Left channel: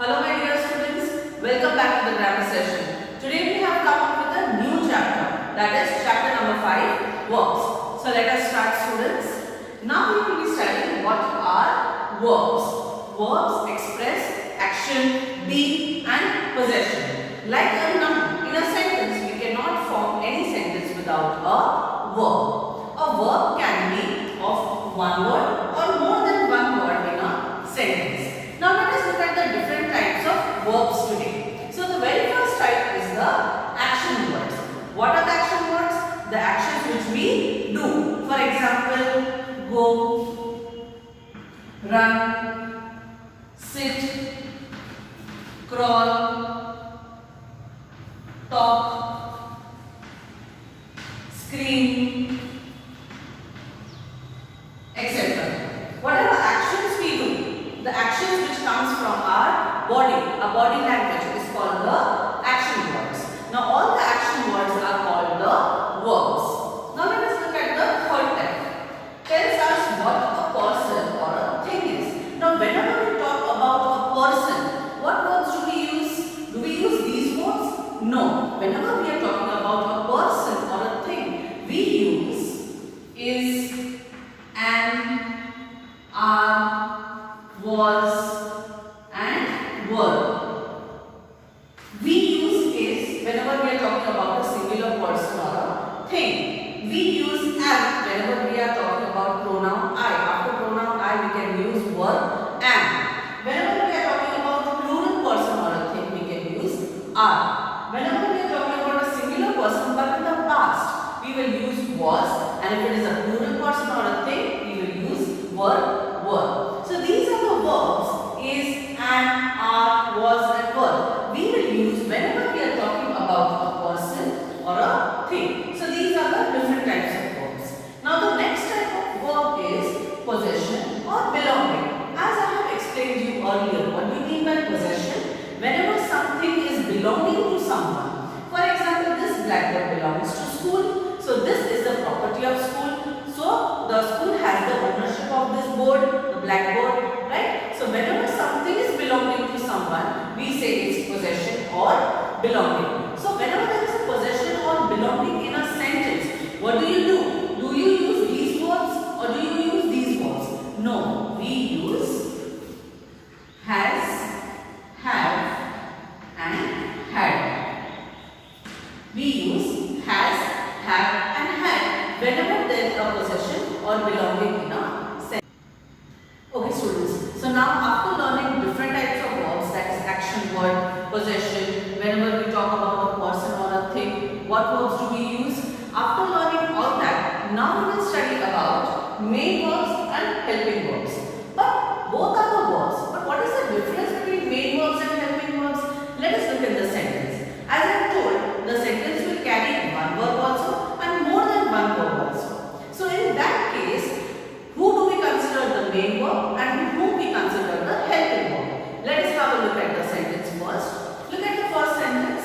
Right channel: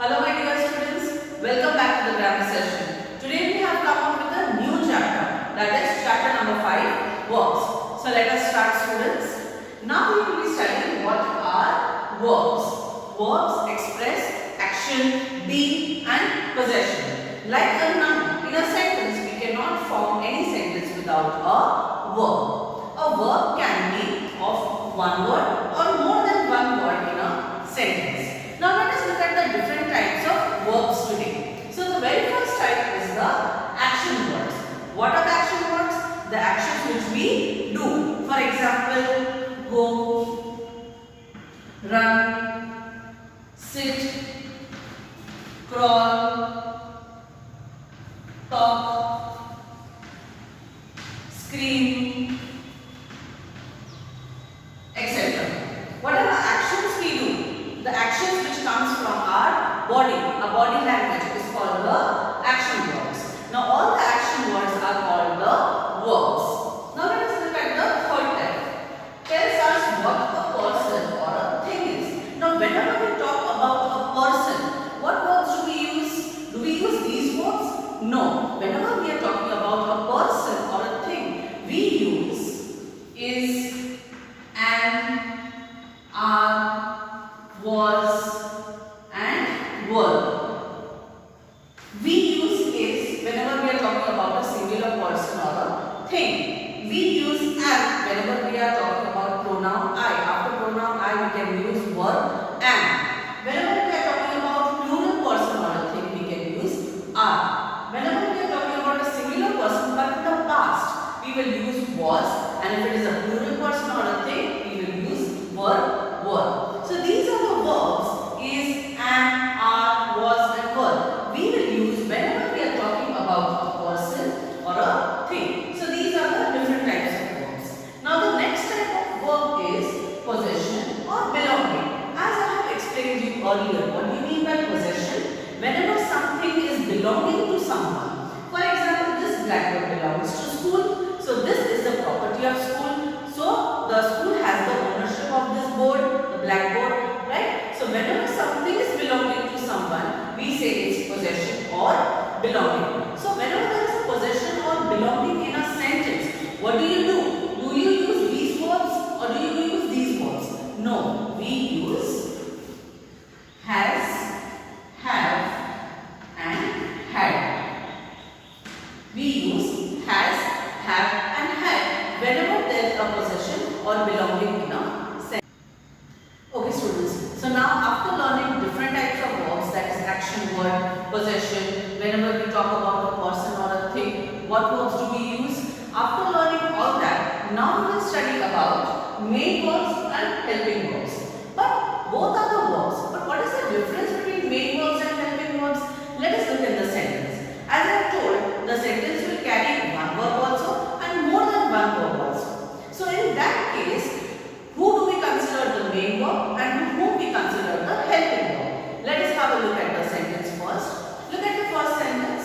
Hello my dear students, welcome back to the grammar session. Today we have come up with a new chapter, that is chapter number 5, verbs. So let us start students. Now we will be studying what are verbs. Verbs express action, be and possession. Like a noun, in a sentence we cannot form any sentence without a verb. A verb can be of one word or more than one word in a sentence. Now let us look at the different types of verbs today. So the very first type is the action words. What are the action words? The actions which we do. For example, go, run, sit, crawl, talk, scream, etc. Whatever actions we do, the actions which comes from our body language is called the action words. Now all the action words are called the verbs. Now let us look at the third type. Tells us what a person or a thing is. Now whenever we talk about a person, what verbs do we use? Do we use these verbs? No. Whenever we are talking about a person or a thing, we use is, an, are, was and were. We use is whenever we are talking about a singular person or a thing. We use am whenever we are talking about pronoun I. After pronoun I we can use verb am. Whenever we are talking about plural person or a thing we can use are. Whenever we are talking about a singular person but in the past we will use was, and if it is a plural person or a thing we will use were. So these are the verbs is, am, are, was and were. We will use whenever we are talking about a person or a thing. So these are the different types of verbs. Now the next type of verb is possession or belonging. As I have explained you earlier, what we mean by possession? Whenever something is belonging to someone. For example, this blackboard belongs to school. So this is the property of school. So the school has the ownership of this board, the blackboard, right? So whenever something is belonging to someone, we say it's possession or belonging. So whenever there is a possession or belonging in a sentence, what do? Do you use these verbs or do you use these verbs? No, we use has, have and had. We use has, have and had whenever there is a possession or belonging in a sentence. Okay students, so now after learning different types of verbs, that is action word, possession, whenever we talk about a person or a thing, what verbs do we use? After learning all that, now we will study about main verbs and helping verbs. But both are the verbs. But what is the difference between main verbs and helping verbs? Let us look at the sentence. As I have told, the sentence will carry one verb also and more than one verb also. So in that case, who do we consider the main verb and whom we consider the helping verb? Let us have a look at the sentence first. Look at the first sentence.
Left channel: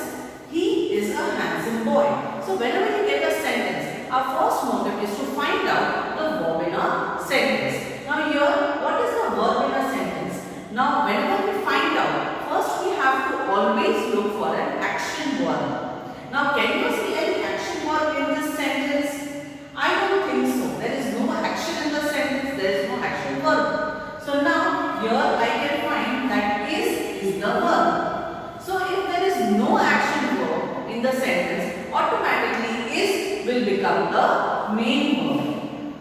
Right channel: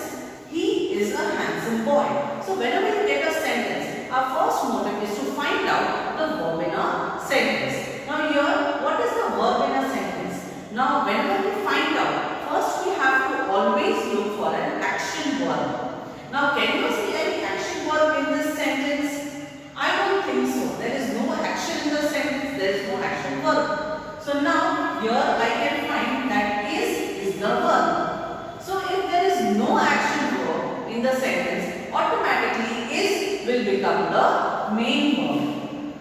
He is a handsome boy. So whenever you take a sentence, our first motive is to find out the verb in a sentence. Now here, what is the verb in a sentence? Now whenever we find out, first we have to always look for an action verb. Now can you see any action verb in this sentence? I don't think so. There is no action in the sentence. There is no action verb. So now here I can find that is the verb. So if there is no action verb in the sentence, automatically is will become the main verb.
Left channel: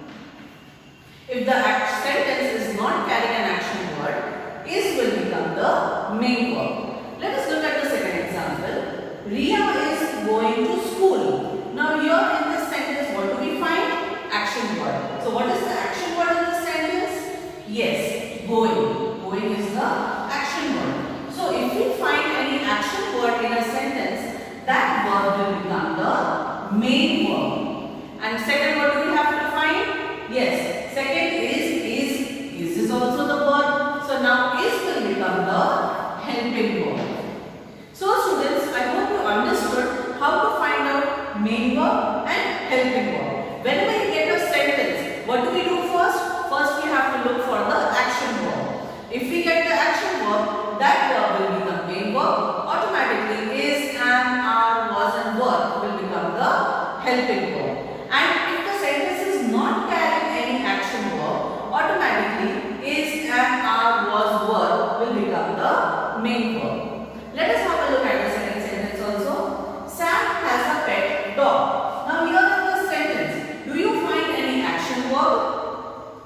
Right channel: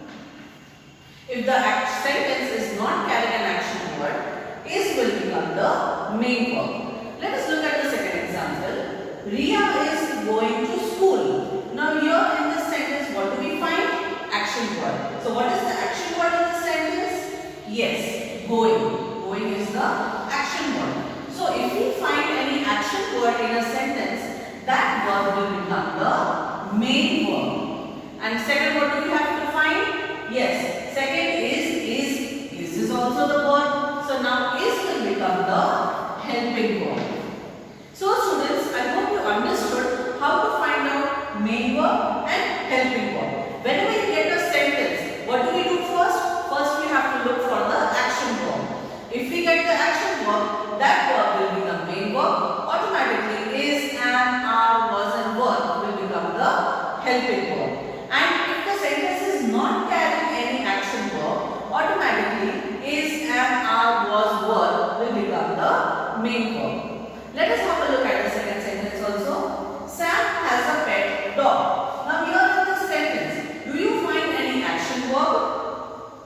If the sentence is not carrying an action word, is will become the main verb. Let us look at the second example. Ria is going to school. Now here in this sentence, what do we find? Action word. So what is the action word in this sentence? Yes, going. Going is the action word. So if we find any action word in a sentence, that verb will become the main verb. And second, what do we have to find? Yes, second is. Is also the verb. So now is will become the helping helping verb. And if the sentence is not carrying any action verb, automatically is and are was verb will become the main verb. Let us have a look at the second sentence also. Sam has a pet dog. Now here in this sentence, do you find any action verb?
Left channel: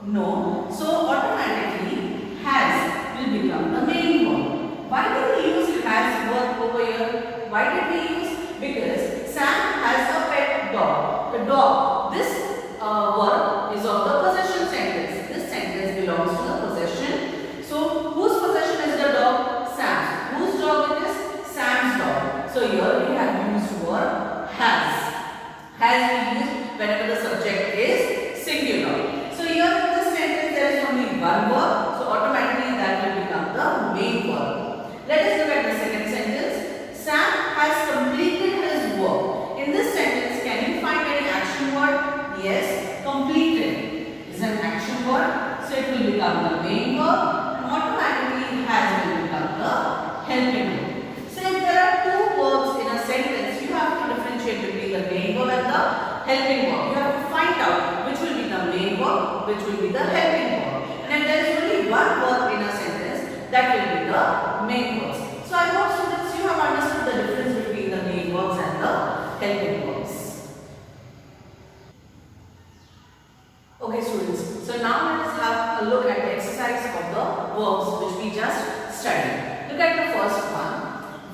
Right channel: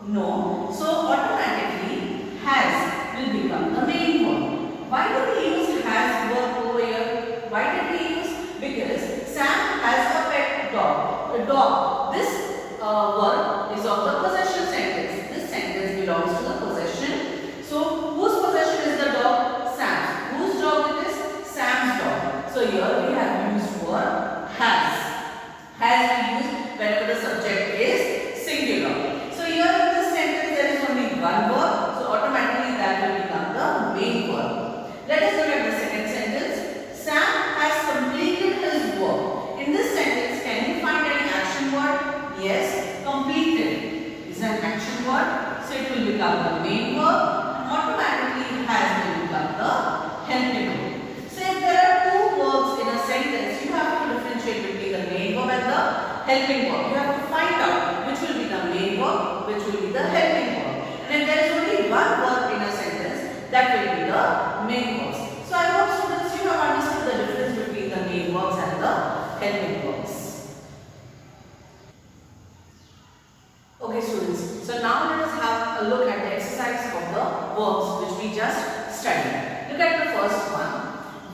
No. So automatically has will become the main verb. Why do we use has verb over here? Why did we use? Because Sam has a pet dog. A dog. This verb is of the possession sentence. This sentence belongs to the possession. So whose possession is the dog? Sam's. Whose dog it is? Sam's dog. So here we have used verb has. Has we used whenever the subject is singular. So here in this sentence there is only one verb. So automatically that will become the main verb. Let us look at the second sentence. Sam has completed his work. In this sentence, can you find any action word? Yes, completed is an action word. So it will become the main verb. And automatically has will become the helping verb. So if there are two verbs in a sentence, you have to differentiate between the main verb and the helping verb. You have to find out which will be the main verb, which will be the helping verb. And if there is only one verb in a sentence, that will be the main verbs. So I hope students you have understood the difference between the main verbs and the helping verbs. Okay students, so now let us have a look at the exercise of the verbs which we just studied. Look at the first one.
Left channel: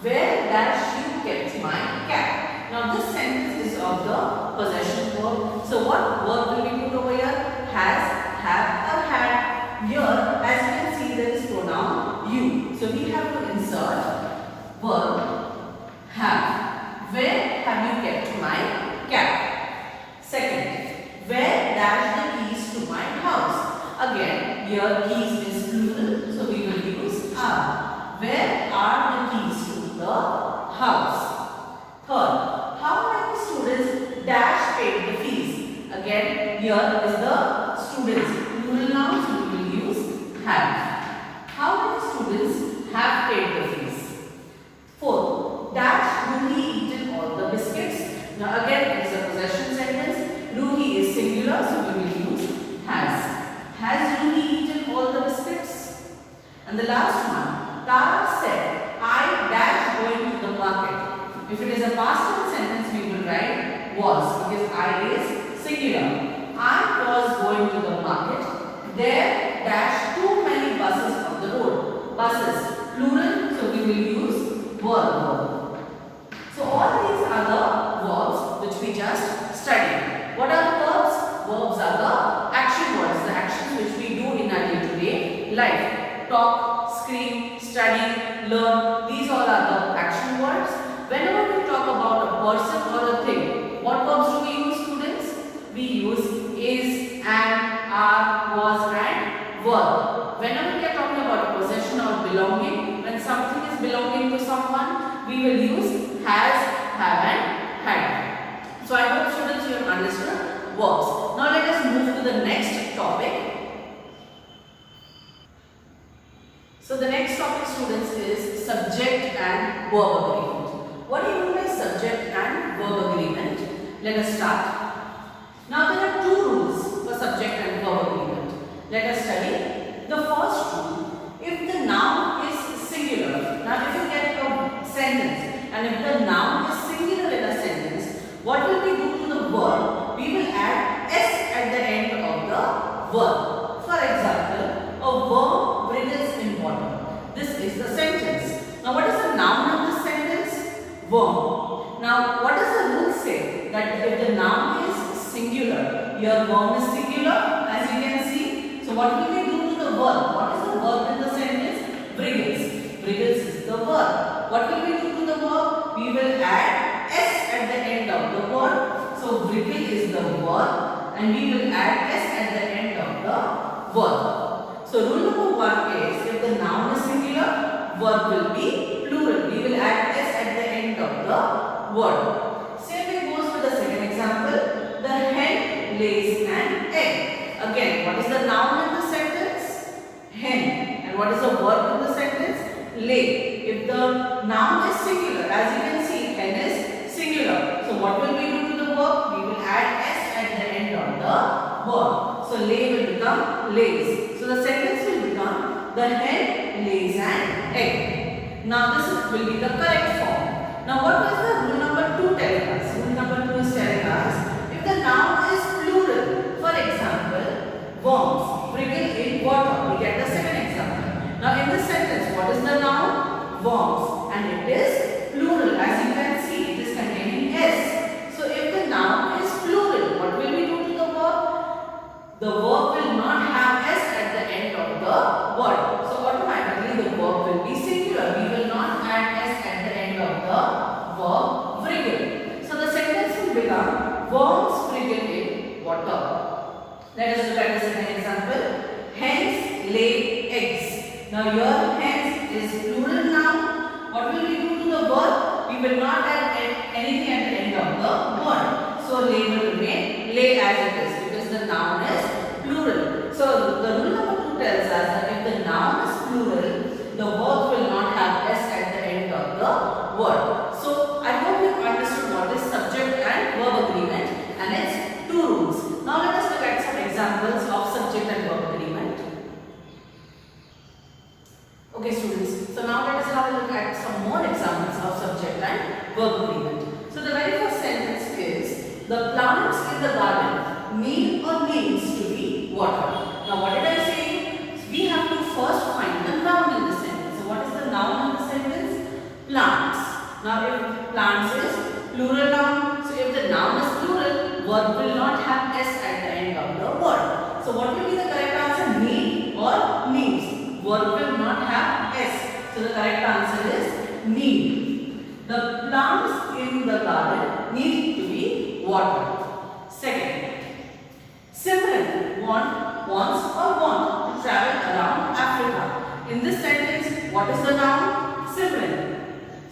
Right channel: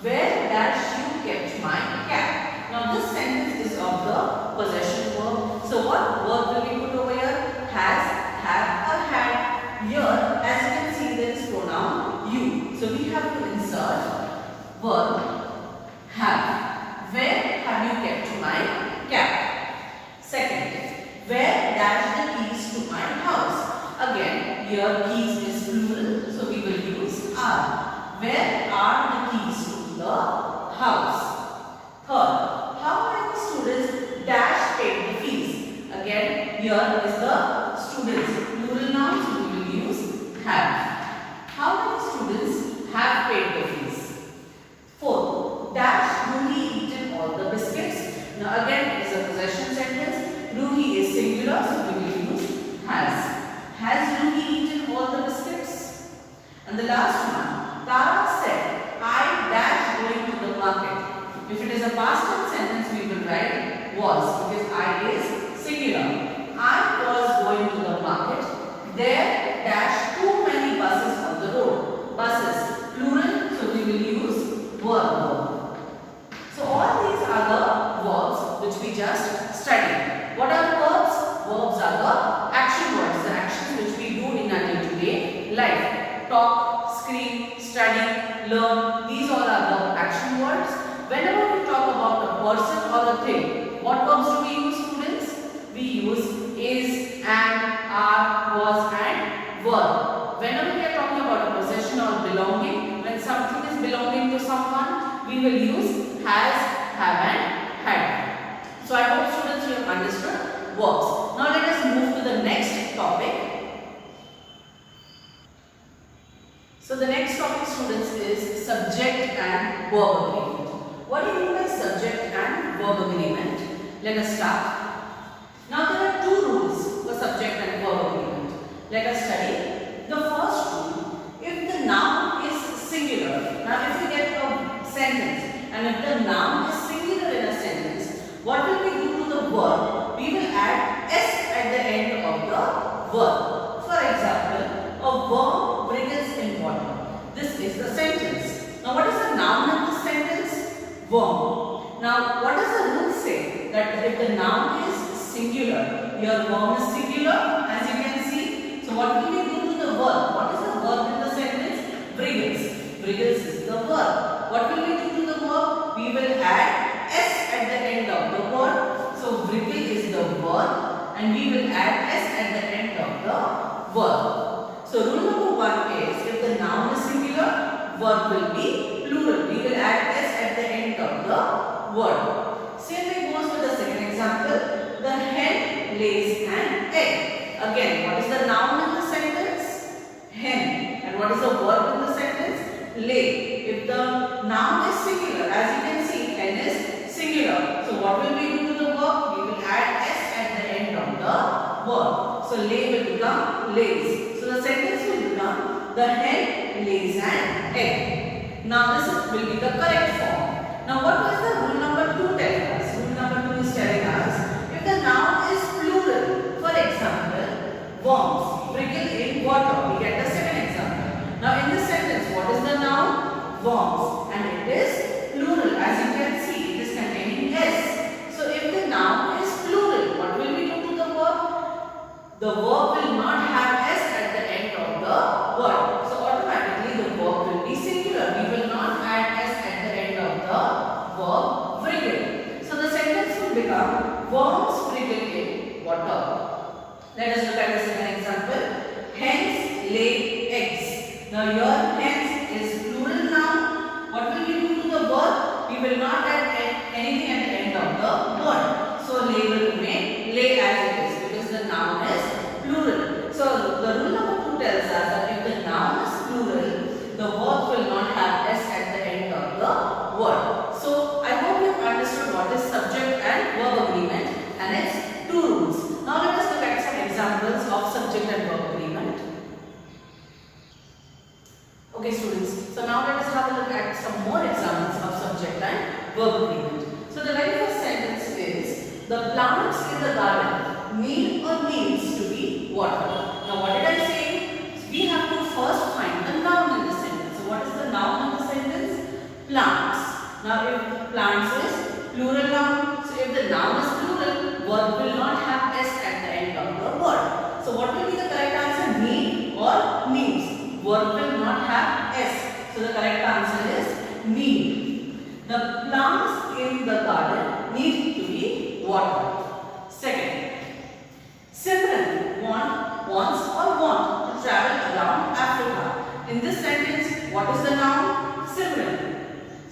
Where dash you kept my cat? Now this sentence is of the possession verb. So what verb will we put over here? Has, have or had. Here as you can see there is pronoun you. So we have to insert verb have. Where have you kept my cat? Second, where dash the keys to my house? Again, here keys is plural, so we will use are. Where are the keys to the house? Third, how many students dash paid the fees? Again, here is the students, plural noun, so we will use have. How many students have paid the fees? Fourth, dash Ruhi eaten all the biscuits. Now again it is a possession sentence. Ruhi is singular, so we will use has. Has Ruhi eaten all the biscuits? And the last one, Tara said, I dash going to the market. If it is a past tense sentence, we will write was because I is singular. I was going to the market. There dash too many buses on the road. Buses, plural, so we will use verb. So all these are the verbs which we just studied. What are verbs? Verbs are the action words, the actions which we do in our day-to-day life. Talk, scream, study, learn. These all are the action words. Whenever we talk about a person or a thing, what verbs do we use, students? We use is, and, are, was and were. Whenever we are talking about a possession or belonging, when something is belonging to someone, we will use has, have and had. So I hope students you have understood verbs. Now let us move to the next topic. So the next topic, students, is subject and verb agreement. What do you mean by subject and verb agreement? Let us start. Now there are two rules for subject and verb agreement. Let us study. The first rule, if the noun is singular. Now if you get a sentence and if the noun is singular in a sentence, what will we do to the verb? We will add s at the end of the verb. For example, a worm wriggles in water. This is the sentence. Now what is the noun of this sentence? Worm. Now what does the rule say? That if the noun is singular, your worm is singular as you can see. So what will we do to the verb? What is the verb in the sentence? Wriggles. Wriggles is the verb. What will we do to the verb? We will add s at the end of the verb. So wriggle is the verb and we will add s at the end of the verb. So rule number 1 is if the noun is singular, verb will be plural. We will add s at the end of the word. Same thing goes with the second example. The hen lays an egg. Again, what is the noun in the sentence? Hen. And what is the verb in the sentence? Lay. If the noun is singular, as you can see, hen is singular. So what will we do to the verb? We will add s at the end of the verb. So lay will become lays. So the sentence will become the hen lays an egg. Now this will be the correct form. Now what is the rule number 2 telling us? Rule number 2 is telling us if the noun is plural. For example, worms wriggle in water. We get the second example. Now in this sentence, what is the noun? Worms, and it is plural. As you can see, it is containing s. So if the noun is plural, what will we do to the verb? The verb will not have s at the end of the word. So automatically the verb will be singular. We will not add s at the end of the verb wriggle. So the sentence will become worms wriggle in water. Let us look at the second example. Hens lay eggs. Now your hens is plural noun. What will we do to the verb? We will not add anything at the end of the word. So lay will remain lay as it is because the noun is plural. So the rule number 2 tells us that if the noun is plural, the verb will not have s at the end of the word. So I hope you have understood what is subject and verb agreement and its 2 rules. Now let us look at some examples of subject and verb agreement. Okay students, so now let us have a look at some more examples of subject and verb agreement. So the very first sentence is, the plants in the garden need or needs to be watered. Now what did I say? We have to first find the noun in the sentence. So what is the noun in the sentence? Plants. Now if plants is plural noun, so if the noun is plural, verb will not have s at the end of the word. So what will be the correct answer? Need or needs? Verb will not have s. So the correct answer is need. The plants in the garden need to be watered. Second, Simran wants to travel around Africa. In this sentence, what is the noun? Simran.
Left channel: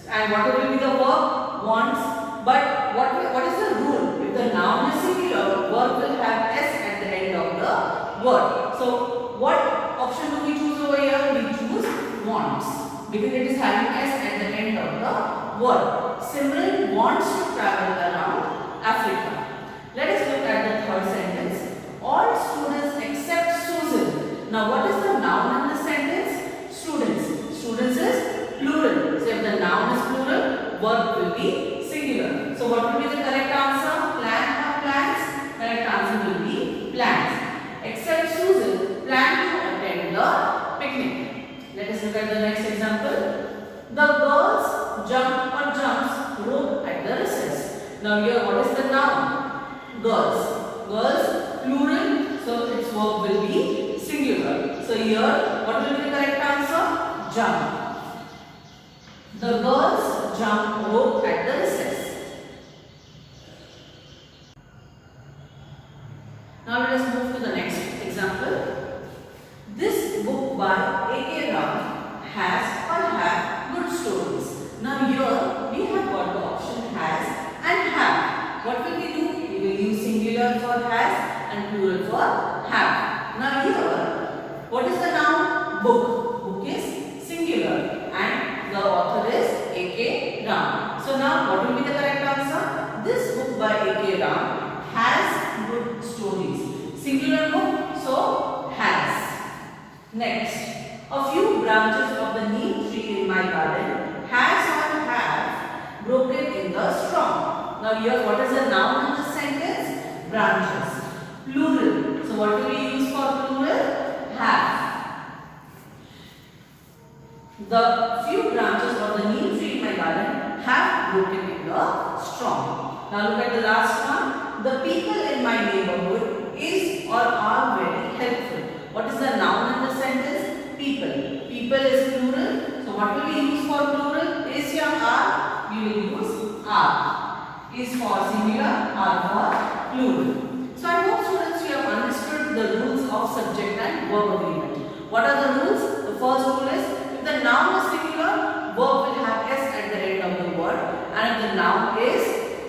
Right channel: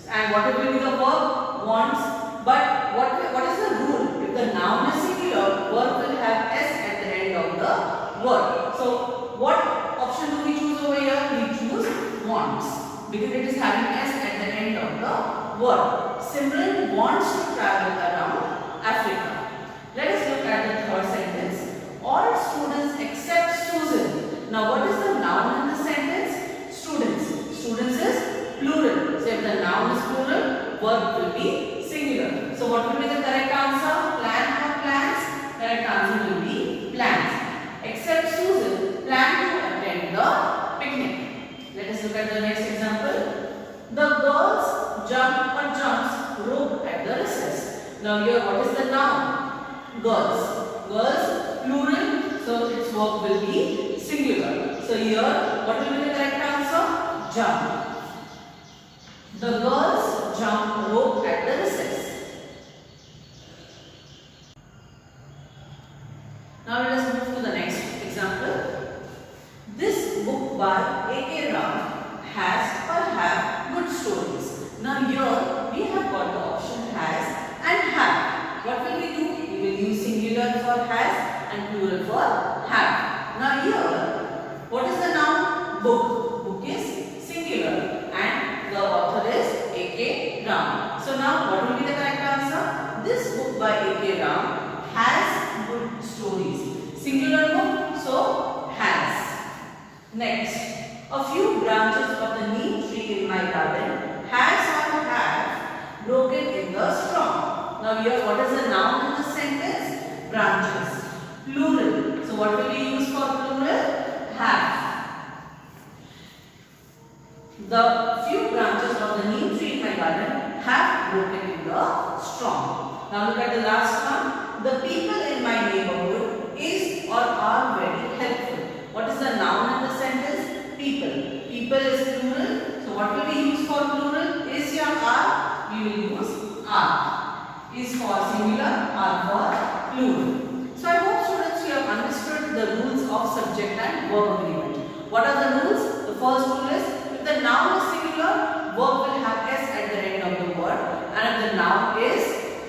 And what will be the verb? Wants. But what is the rule? If the noun is singular, verb will have s at the end of the word. So what option do we choose over here? We choose wants because it is having s at the end of the word. Simran wants to travel around Africa. Let us look at the third sentence. All students except Susan. Now what is the noun in the sentence? Students. Students is plural. So if the noun is plural, verb will be singular. So what will be the correct answer? Plan or plans? Correct answer will be plans. Except Susan plan to attend the picnic. Let us look at the next example. The girls jump or jumps rope at the recess. Now here what is the noun? Girls. Girls plural, so its verb will be singular. So here what will be the correct answer? Jump. The girls jump rope at the recess. Now let us move to the next example. This book by A.K. Ram has or have good stories. Now here we have got the option has and have. What will we do? We will use singular for has and plural for have. Now here, what is the noun? Book. Book is singular and the author is A.K. Ram. So now what will be the correct answer? This book by A.K. Ram has good stories. Singular book, so has. Next, a few branches of the neem tree in my garden has or have broken in the straw. Now here what is the noun in the sentence? Branches. Plural. So what will we use for plural? Have. The few branches of the neem tree in my garden have broken in the straw. Now look at the last one. The people in my neighborhood is or are very helpful. What is the noun in the sentence? People. People is plural. So what will we use for plural? Is or are? We will use are. Is for singular, are for plural. So I hope students you have understood the rules of subject and verb agreement. What are the rules? The first rule is if the noun is singular, verb will have s at the end of the word, and if the noun is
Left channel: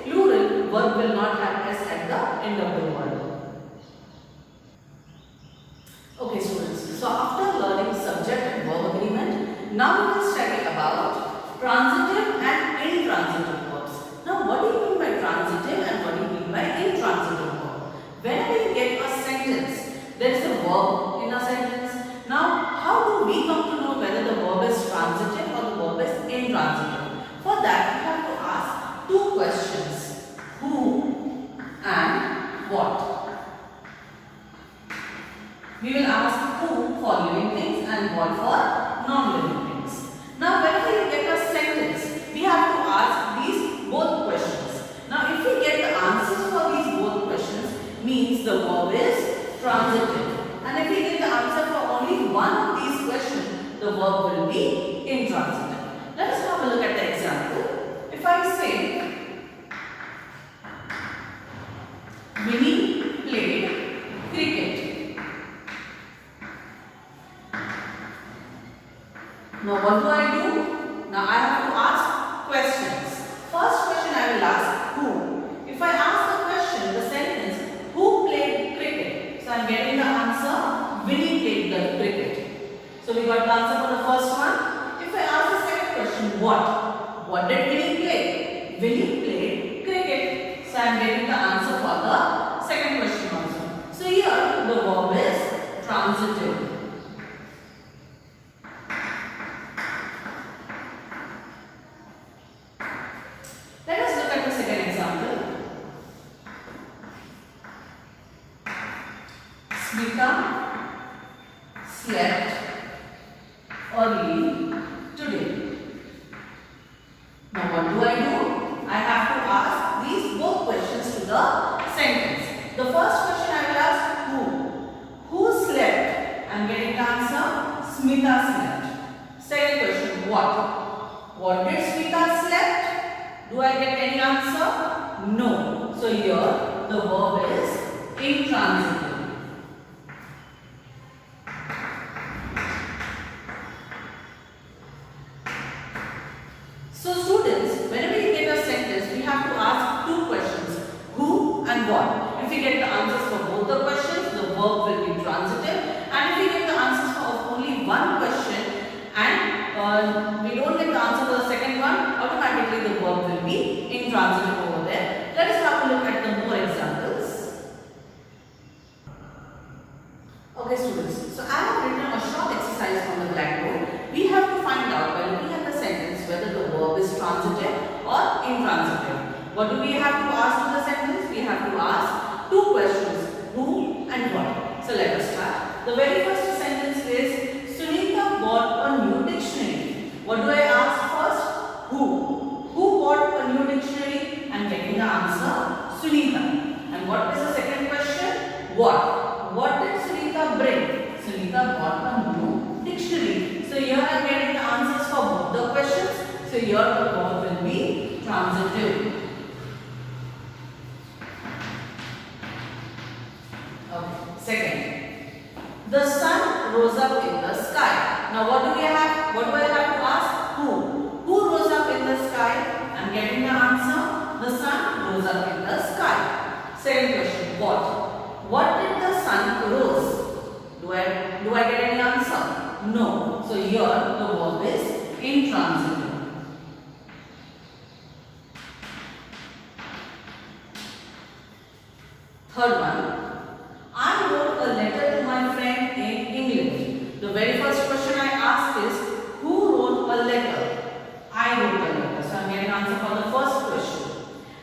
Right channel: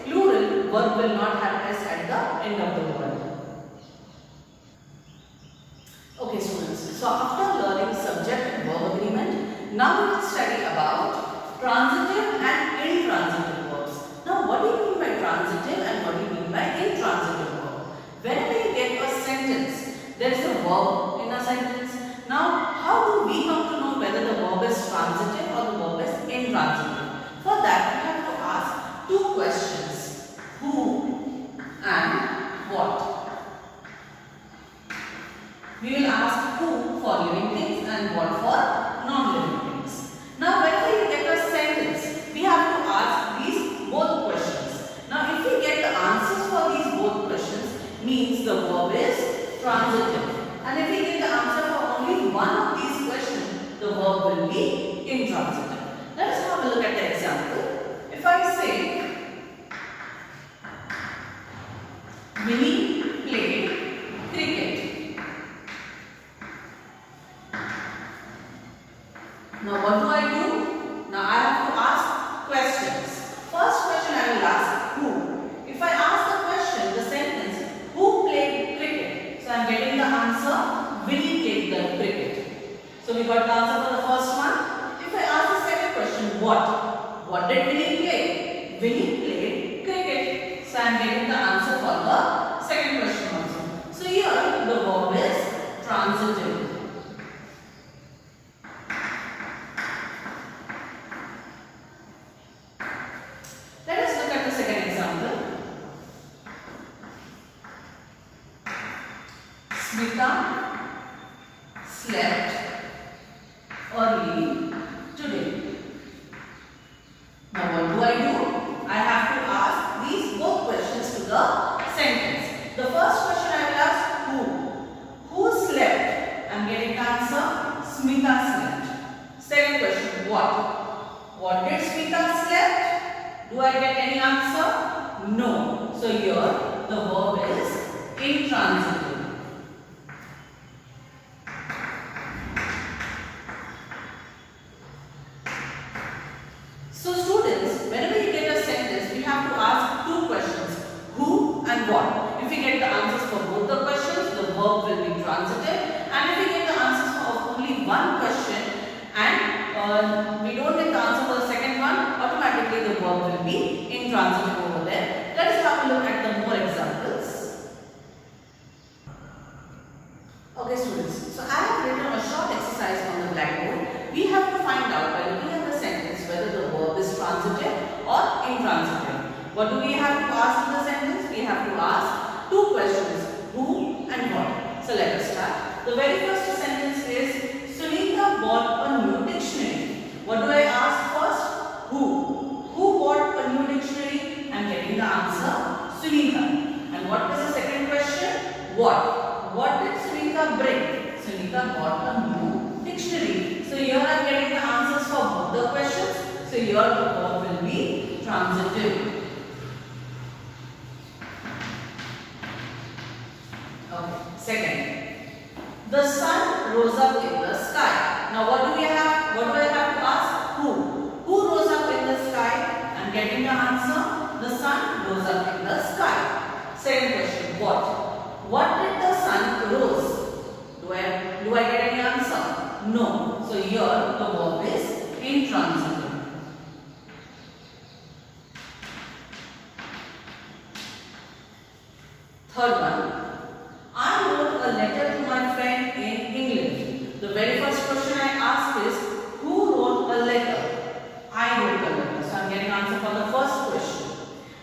plural, verb will not have s at the end of the word. Okay students, so after learning subject and verb agreement, now we will study about transitive and intransitive verbs. Now Now, what do you mean by transitive and what do you mean by intransitive verb? Whenever you get a sentence, there is a verb in a sentence. Now, how do we come to know whether the verb is transitive or the verb is intransitive? For that, we have to ask two questions. Who and what? We will ask who for living things and what for non-living things. Now, whenever you get a sentence, we have to ask these both questions. Now, if we get the answers for these both questions, means the verb is transitive. And if we get the answer for only one of these questions, the verb will be intransitive. Let us have a look at the example. If I say, Winnie played cricket. Now what do I do? Now I have to ask questions. First question I will ask who. If I ask the question, the sentence, who played cricket? So I am getting the answer, Winnie played the cricket. So we got the answer for the first one. If I ask the second question, what? What did Winnie play? Winnie played cricket. So I am getting the answer for the second question also. So here the verb is transitive. Let us look at the second example. Smita slept early today. Now what do? I have to ask these both questions to the sentence. The first question I will ask who. Who slept? I am getting the answer, Smita slept. Second question, what? What did Smita slept? Do I get any answer? No. So here the verb is intransitive. So students, whenever you get a sentence, we have to ask two questions, who and what. If we get the answers for both the questions, the verb will be transitive. And if we get the answers for only one question and we don't get the answer for the second one, automatically the verb will be intransitive over there. Let us have a look at the more examples. Okay students, so I have written a short exercise on the blackboard. We have to find out by looking at the sentence whether the verb is transitive or intransitive. What do we have to ask in the sentence? We have to ask two questions, who and what. So let us start. The very first sentence is, Sunita bought a new dictionary. What do I ask first? Who? Who bought a new dictionary? I am getting the answer, Sunita. And what is the second question? What? What did Sunita bring? Sunita bought a new dictionary. So here I am getting the answers for both the questions. So here the verb will be transitive. Okay. Second, the sun rose up in the sky. Now what do we have? What do I have to ask? Who? Who rose up in the sky? I am getting the answer. The sun rose up in the sky. Second question, what? What did the sun rose? Do I get any answer? No. So here the verb is intransitive. Third one. I wrote a letter to my friend in England. The very first question I asked is, who wrote a letter? I wrote a letter. So I am getting answer for the first question.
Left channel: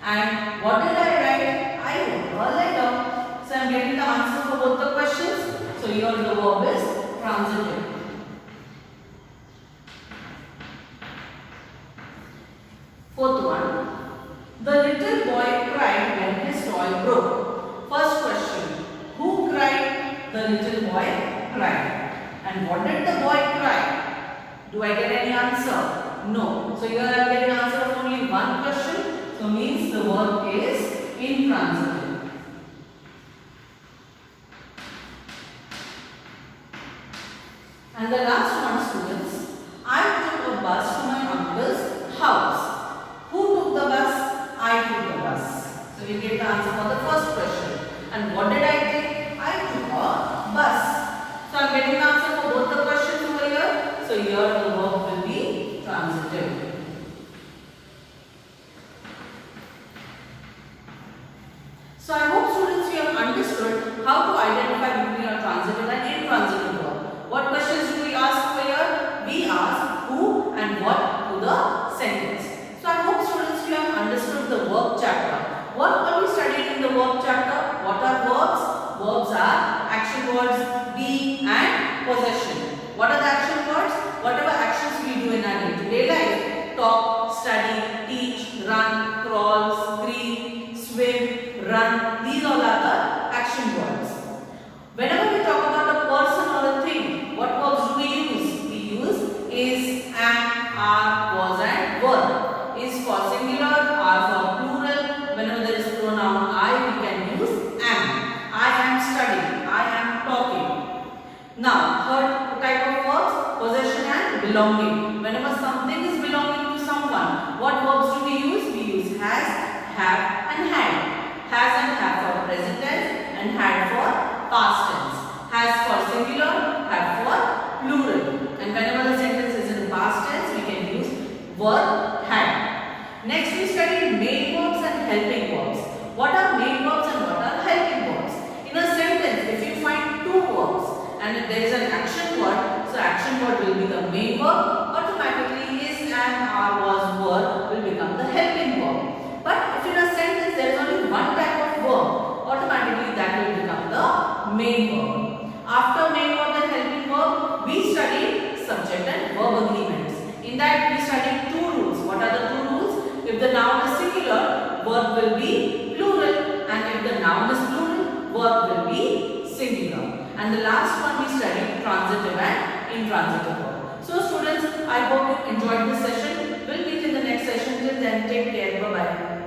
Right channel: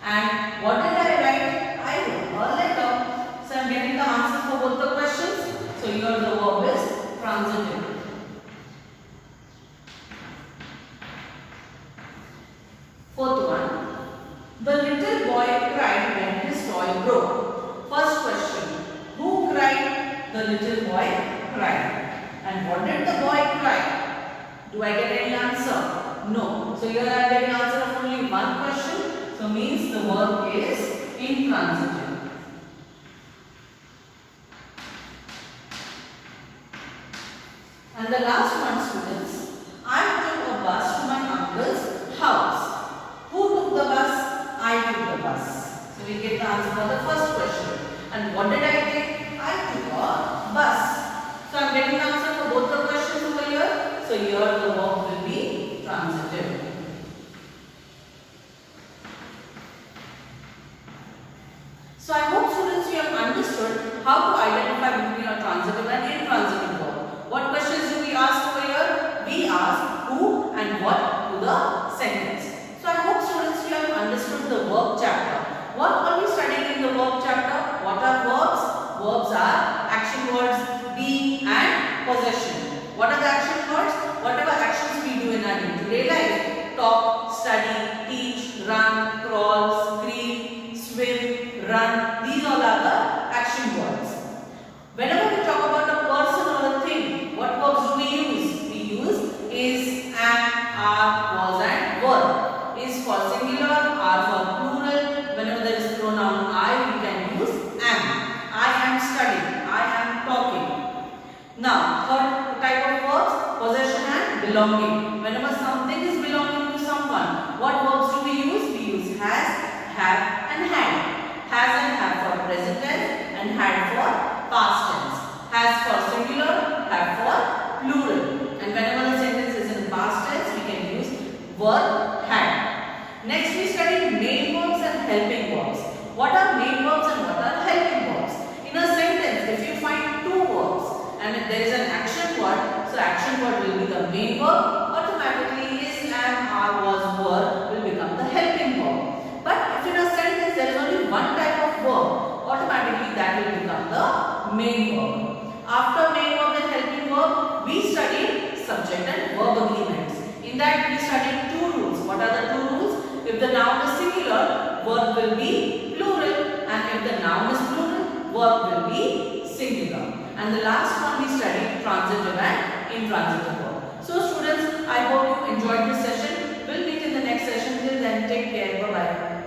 And what did I write? I wrote a letter. So I am getting the answer for both the questions. So here the verb is transitive. Fourth one. The little boy cried when his toy broke. First question. Who cried? The little boy cried. And what did the boy cry? Do I get any answer? No. So here I am getting answer of only one question. So means the verb is intransitive. And the last one, students. I took a bus to my uncle's house. Who took the bus? I took the bus. So we get the answer for the first question. And what did I take? I took a bus. So I am getting the answer for both the questions over here. So here the verb will be transitive. So I hope students you have understood how to identify between a transitive and intransitive verb. What questions do we ask over here? We ask who and what to the sentence. So I hope students you have understood the verb chapter. What are we studying in the verb chapter? What are verbs? Verbs are action words, be and possession. What are the action words? Whatever actions we do in our day-to-day life. Talk, study, teach, run, crawl, scream, swim, run. These all are the action words. Whenever we talk about a person or a thing, what verbs do we use? We use is, am, are, was and were. Is for singular, are for plural. Whenever there is pronoun I, we can use am. I am studying. I am talking. Now, third type of verbs, possession and belonging. Whenever something is belonging to someone, what verbs do we use? We use has, have and had. Has and have for present tense and had for past tense. Has for singular, have for plural. And whenever the sentence is in past tense, we can use were, had. Next we study main verbs and helping verbs. What are main verbs and what are helping verbs? In a sentence, if you find two verbs and if there is an action word, so action word will be the main verb, automatically is, am, are, was, were will become the helping verb. But if in a sentence there is only one type of verb, automatically that will become the main verb. After main verb and helping verb, we study subject and verb agreements. In that we study two rules. What are the two rules? If the noun is singular, verb will be plural, and if the noun is plural, verb will be singular. And the last one we study transitive and intransitive verb. So students, I hope you enjoyed this session. We'll meet in the next session. Till then, take care. Bye-bye.